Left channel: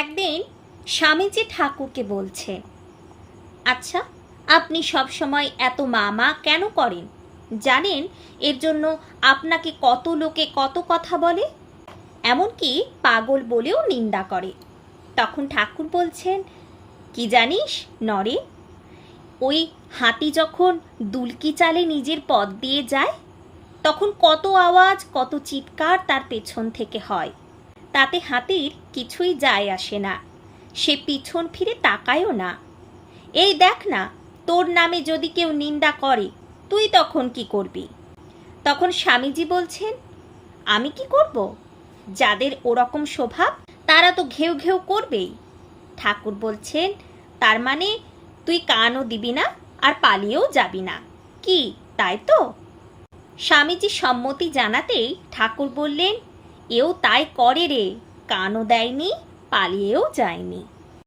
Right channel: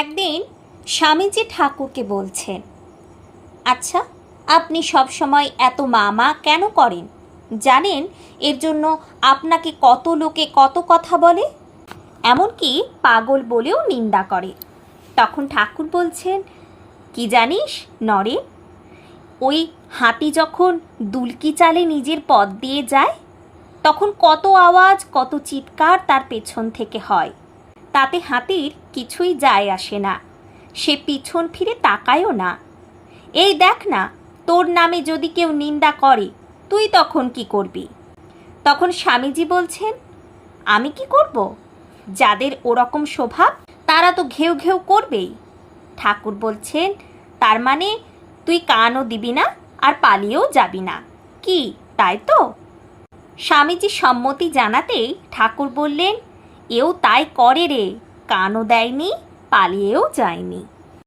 একদিন স্বামীজি ঠাকুরকে বলছেন, আচ্ছা, আপনি সব সময় এত মা মা কেন করেন? জানেন এর জন্য আপনাকে কত লোকে কত কথা বলে, এমনকি পাগল বলেও নিন্দা করে। তখন ঠাকুর বলছেন, কি জানিস নরে, ওই হাতি যখন দুলকি চালে নিজের পথ দিয়ে যায়, তখন কত আওয়াজ কত চিৎকার তার পেছন থেকে হয়। তাতে হাতির কিছুই যায় আসে না, সে পিছন ফিরে তাকায়ও না। এই দেখ না, তোর নামে যদি কেউ নিন্দা করে, তুই তখন কি করবি? তখন স্বামীজি বলছেন, আমি কি করব? যাদের ওরকম স্বভাব তারা তো ঘেউ ঘেউ করবেই। ঠাকুর বলছেন, তার মানে তুই কানও দিবি না আর পালিয়েও যাবি না, কি তাই তো? স্বামীজি সম্মতি জানাতেই ঠাকুর বললেন, এও তাই করে রে, কানও দেয়নি পালিয়েও যায়নি।